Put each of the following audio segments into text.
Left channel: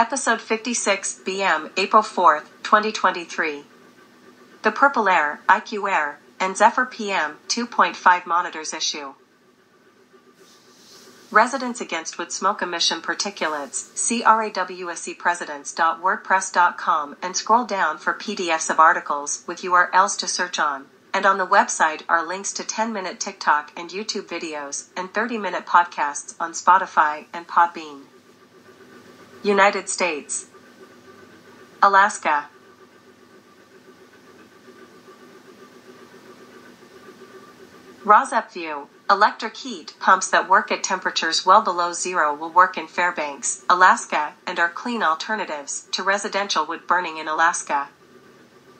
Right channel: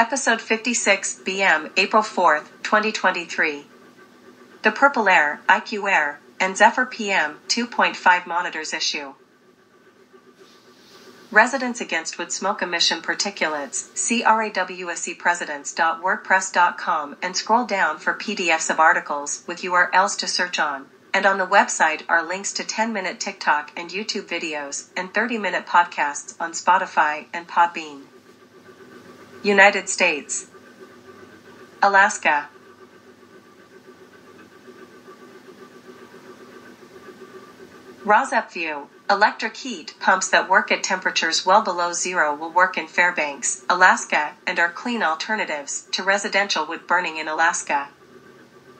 Episode 56, BM, April 4th, 2023. The Purple Air, IQ Air, and Zephyr PM 2.5 monitors issue. Residents Against Wood Smoke Emission Particulates, CRAWSEpresidents.wordpress.com, and scroll down for PDFs of articles with URLs to search on. And on the website are links to 10-minute TikTok and YouTube videos and 30-minute podcasts on Spotify and Podbean. United States. Alaska. ROSEP View. Electric heat pumps that work at temperatures well below zero will work in Fairbanks, Alaska, and are clean alternatives to residential wood burning in Alaska.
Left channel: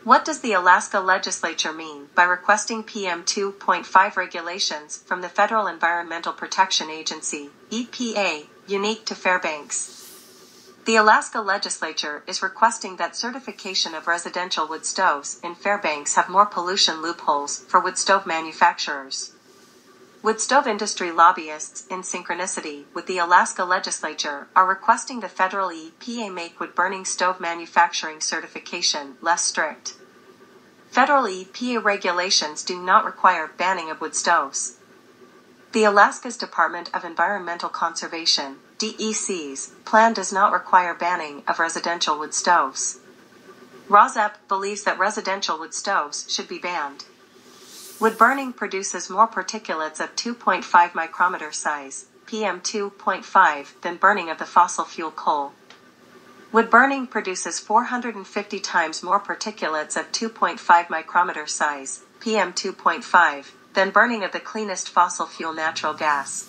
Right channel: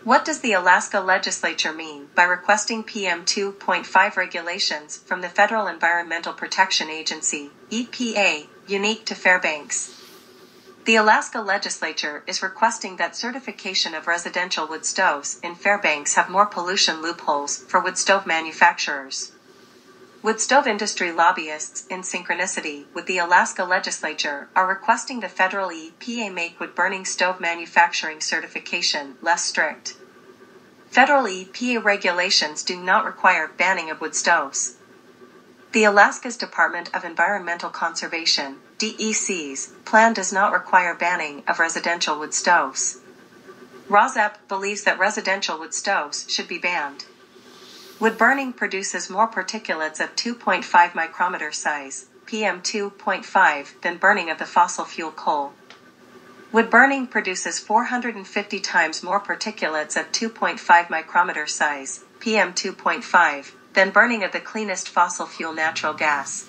What does the Alaska legislature mean by requesting PM 2.5 regulations from the Federal Environmental Protection Agency, EPA, unique to Fairbanks? The Alaska legislature is requesting that certification of residential wood stoves in Fairbanks have more pollution loopholes for wood stove manufacturers. Wood stove industry lobbyists, in synchronicity with the Alaska legislature, are requesting the federal EPA make wood burning stove manufacturing certification less strict. Federal EPA regulations do not require banning of wood stoves. The Alaska's Department of Environmental Conservation, DEC's, plan does not require banning of residential wood stoves. ROSEP believes that residential wood stoves should be banned. Wood burning produces more particulates of 2.5 micrometer size, PM 2.5, than burning of the fossil fuel coal. Wood burning produces 450 times more particulates of 2.5 micrometer size, PM 2.5, than burning of the cleanest fossil fuel natural gas.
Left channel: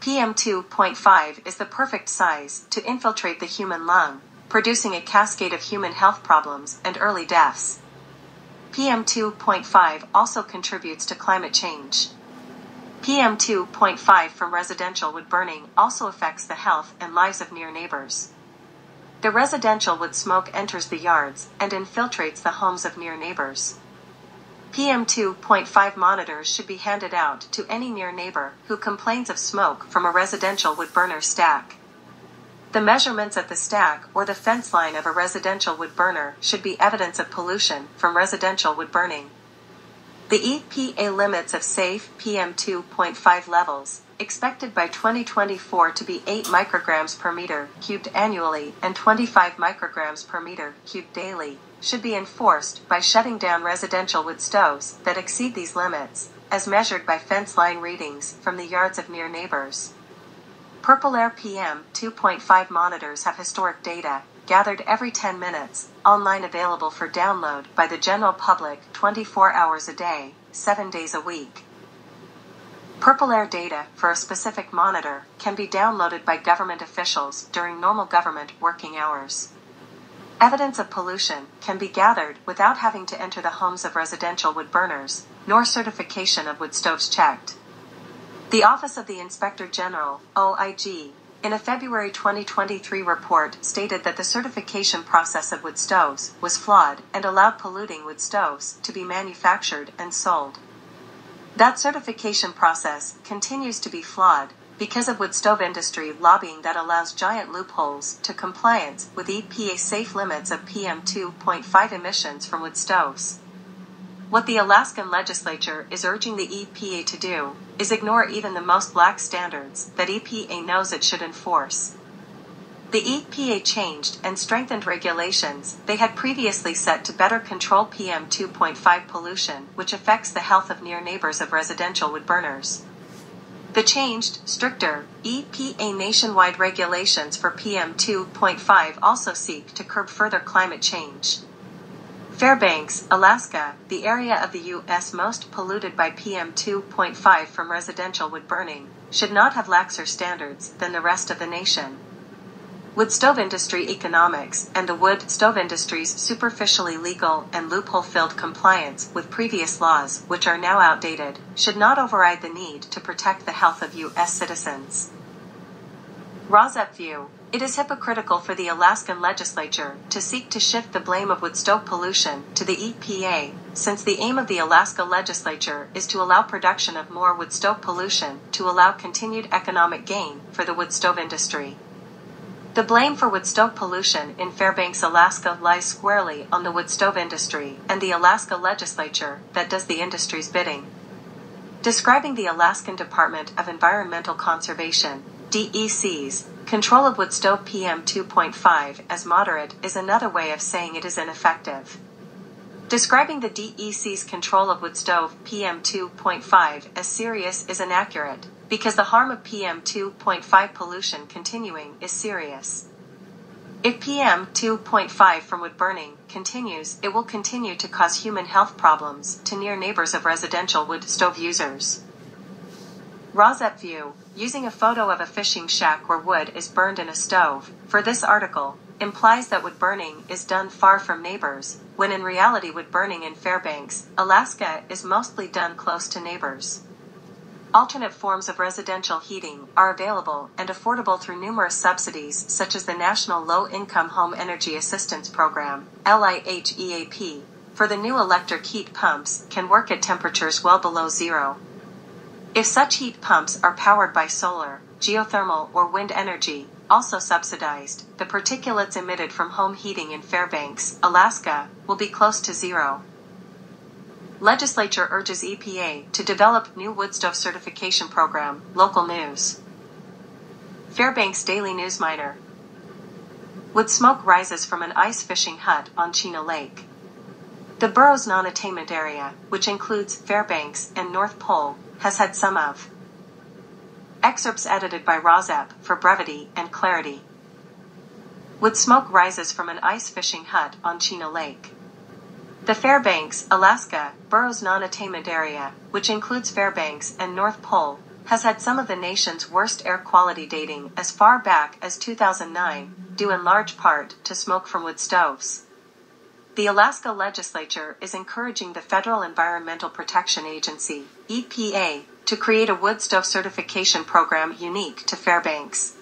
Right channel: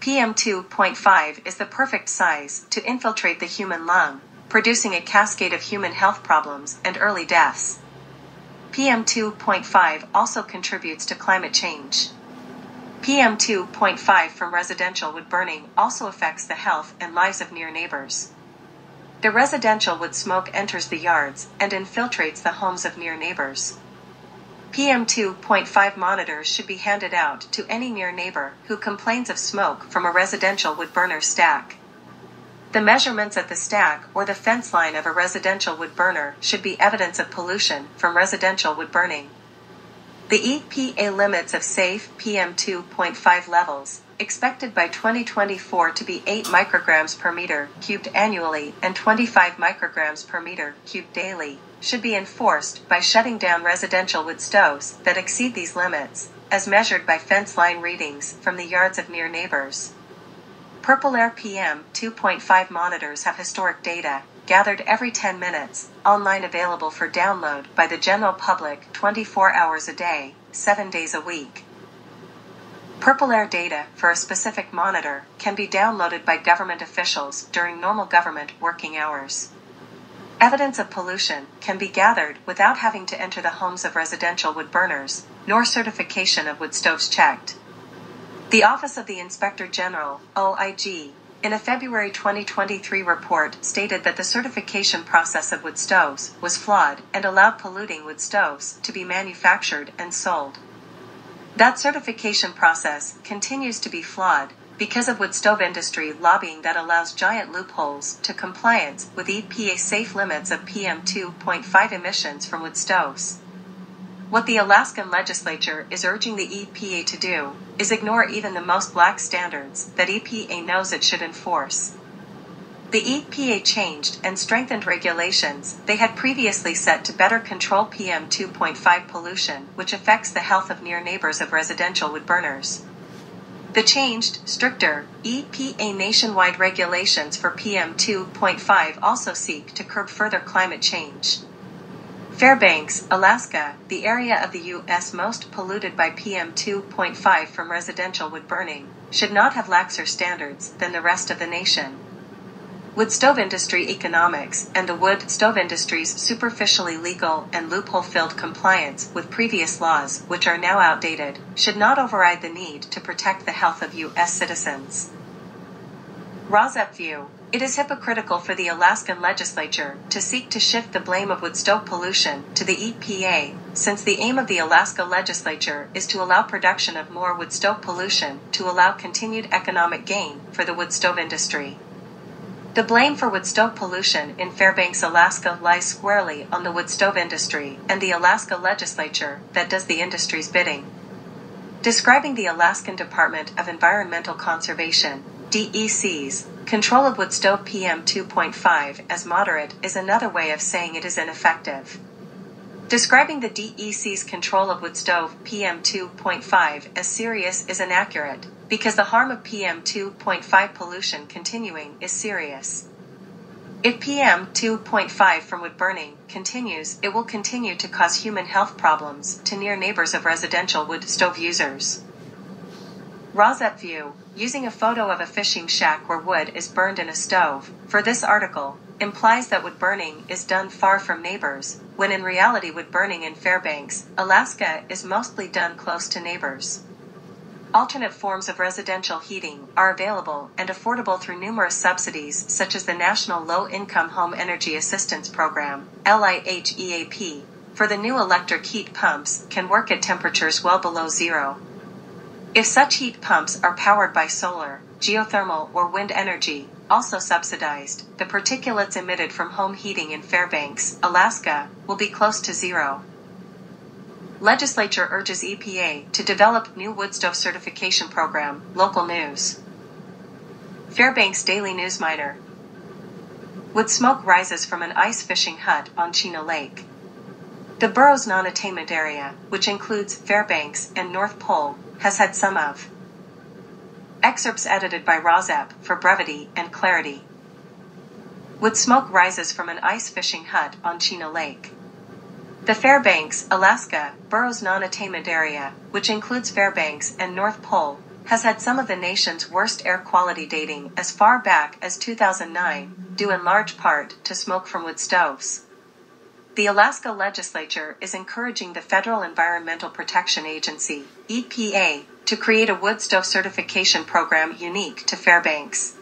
PM 2.5 is the perfect size to infiltrate the human lung, producing a cascade of human health problems and early deaths. PM 2.5 also contributes to climate change. PM 2.5 from residential wood burning also affects the health and lives of near neighbors. The residential wood smoke enters the yards and infiltrates the homes of near neighbors. PM 2.5 monitors should be handed out to any near neighbor who complains of smoke from a residential wood burner stack. The measurements at the stack or the fence line of a residential wood burner should be evidence of pollution from residential wood burning. The EPA limits of safe PM 2.5 levels, expected by 2024 to be 8 micrograms per meter cubed annually and 25 micrograms per meter cubed daily, should be enforced by shutting down residential wood stoves that exceed these limits, as measured by fence line readings from the yards of near neighbors. Purple Air PM 2.5 monitors have historic data, gathered every 10 minutes, online available for download by the general public 24 hours a day, 7 days a week. Purple Air data for a specific monitor can be downloaded by government officials during normal government working hours. Evidence of pollution can be gathered without having to enter the homes of residential wood burners, nor certification of wood stoves checked. The Office of the Inspector General, OIG, in a February 2023 report stated that the certification process of wood stoves was flawed and allowed polluting wood stoves to be manufactured and sold. That certification process continues to be flawed because of wood stove industry lobbying that allows giant loopholes to compliance with EPA safe limits of PM 2.5 emissions from wood stoves. What the Alaskan legislature is urging the EPA to do is ignore even the most lax standards that EPA knows it should enforce. The EPA changed and strengthened regulations they had previously set to better control PM 2.5 pollution, which affects the health of near neighbors of residential wood burners. The changed, stricter, EPA nationwide regulations for PM 2.5 also seek to curb further climate change. Fairbanks, Alaska, the area of the U.S. most polluted by PM 2.5 from residential wood burning, should not have laxer standards than the rest of the nation. Wood stove industry economics and the wood stove industry's superficially legal and loophole-filled compliance with previous laws, which are now outdated, should not override the need to protect the health of U.S. citizens. ROSEP View. It is hypocritical for the Alaskan legislature to seek to shift the blame of wood stove pollution to the EPA, since the aim of the Alaska legislature is to allow production of more wood stove pollution to allow continued economic gain for the wood stove industry. The blame for wood stove pollution in Fairbanks, Alaska lies squarely on the wood stove industry and the Alaska legislature that does the industry's bidding. Describing the Alaskan Department of Environmental Conservation, DEC's, control of wood stove PM 2.5 as moderate is another way of saying it is ineffective. Describing the DEC's control of wood stove PM 2.5 as serious is inaccurate, because the harm of PM 2.5 pollution continuing is serious. If PM 2.5 from wood burning continues, it will continue to cause human health problems to near neighbors of residential wood stove users. Rosette View, using a photo of a fishing shack where wood is burned in a stove, for this article, implies that wood burning is done far from neighbors, when in reality wood burning in Fairbanks, Alaska is mostly done close to neighbors. Alternate forms of residential heating are available and affordable through numerous subsidies such as the National Low-Income Home Energy Assistance Program, LIHEAP, for the new electric heat pumps can work at temperatures well below zero. If such heat pumps are powered by solar, geothermal, or wind energy, also subsidized, the particulates emitted from home heating in Fairbanks, Alaska, will be close to zero. Legislature urges EPA to develop new wood stove certification program. Local news. Fairbanks Daily News Miner. Wood smoke rises from an ice fishing hut on Chino Lake. The borough's non-attainment area, which includes Fairbanks and North Pole, has had some of. Excerpts edited by Rozep for brevity and clarity. Wood smoke rises from an ice fishing hut on Chino Lake. The Fairbanks, Alaska, borough's non-attainment area, which includes Fairbanks and North Pole, has had some of the nation's worst air quality dating as far back as 2009, due in large part to smoke from wood stoves. The Alaska legislature is encouraging the Federal Environmental Protection Agency, EPA, to create a wood stove certification program unique to Fairbanks.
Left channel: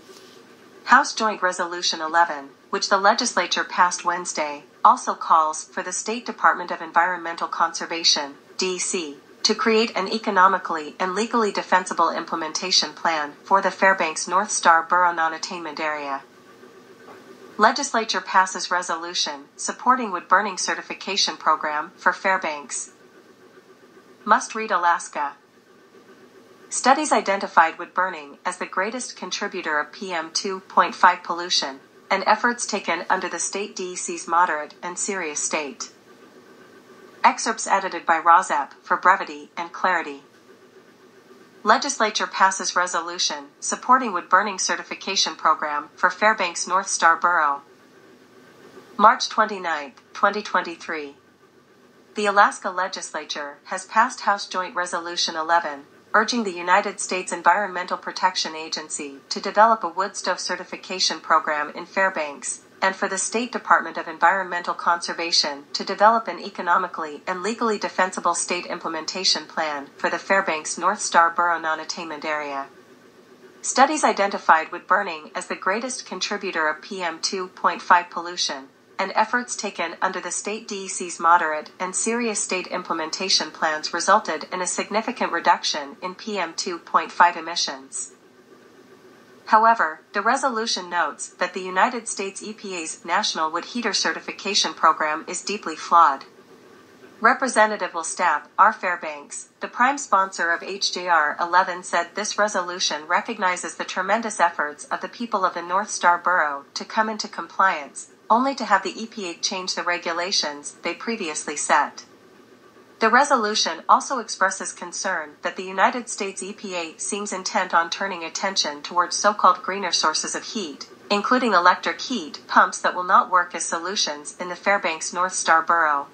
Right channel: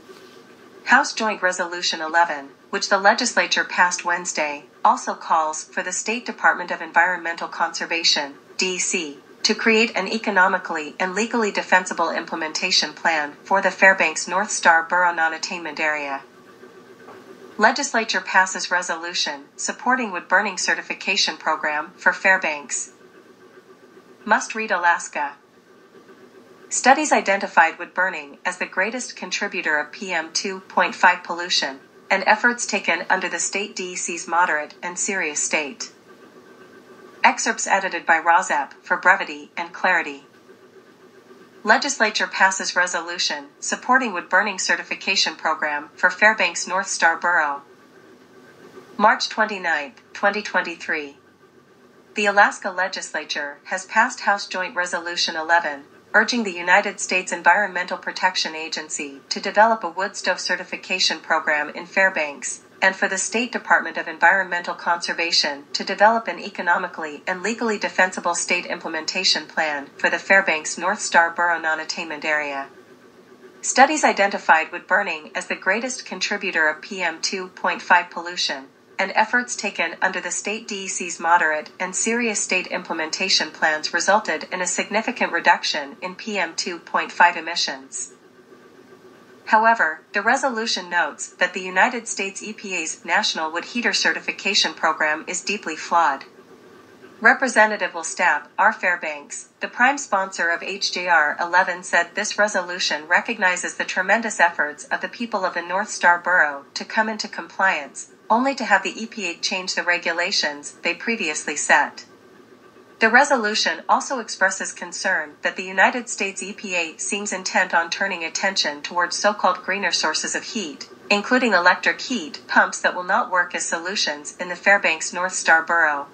House Joint Resolution 11, which the legislature passed Wednesday, also calls for the State Department of Environmental Conservation, DEC, to create an economically and legally defensible implementation plan for the Fairbanks North Star Borough non-attainment area. Legislature passes resolution supporting wood burning certification program for Fairbanks. Must read Alaska. Studies identified wood burning as the greatest contributor of PM 2.5 pollution, and efforts taken under the state DEC's moderate and serious state. Excerpts edited by Rozep for brevity and clarity. Legislature passes resolution supporting wood burning certification program for Fairbanks North Star Borough. March 29, 2023. The Alaska legislature has passed House Joint Resolution 11, urging the United States Environmental Protection Agency to develop a wood stove certification program in Fairbanks, and for the State Department of Environmental Conservation to develop an economically and legally defensible state implementation plan for the Fairbanks North Star Borough non-attainment area. Studies identified wood burning as the greatest contributor of PM 2.5 pollution, and efforts taken under the state DEC's moderate and serious state implementation plans resulted in a significant reduction in PM 2.5 emissions. However, the resolution notes that the United States EPA's National Wood Heater Certification Program is deeply flawed. Representative Will Stapp, R. Fairbanks, the prime sponsor of HJR 11, said this resolution recognizes the tremendous efforts of the people of the North Star Borough to come into compliance, only to have the EPA change the regulations they previously set. The resolution also expresses concern that the United States EPA seems intent on turning attention towards so-called greener sources of heat, including electric heat pumps that will not work as solutions in the Fairbanks North Star Borough.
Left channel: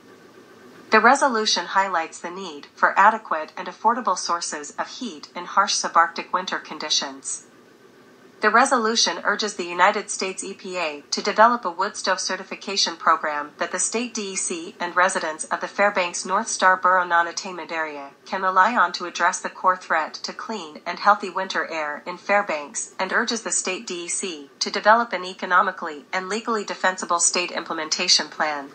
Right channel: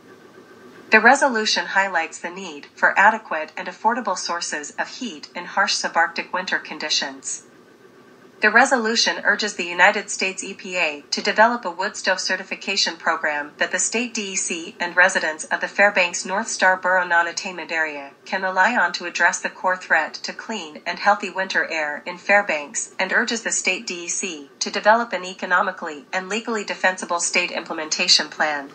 The resolution highlights the need for adequate and affordable sources of heat in harsh subarctic winter conditions. The resolution urges the United States EPA to develop a wood stove certification program that the state DEC and residents of the Fairbanks North Star Borough non-attainment area can rely on to address the core threat to clean and healthy winter air in Fairbanks, and urges the state DEC to develop an economically and legally defensible state implementation plan.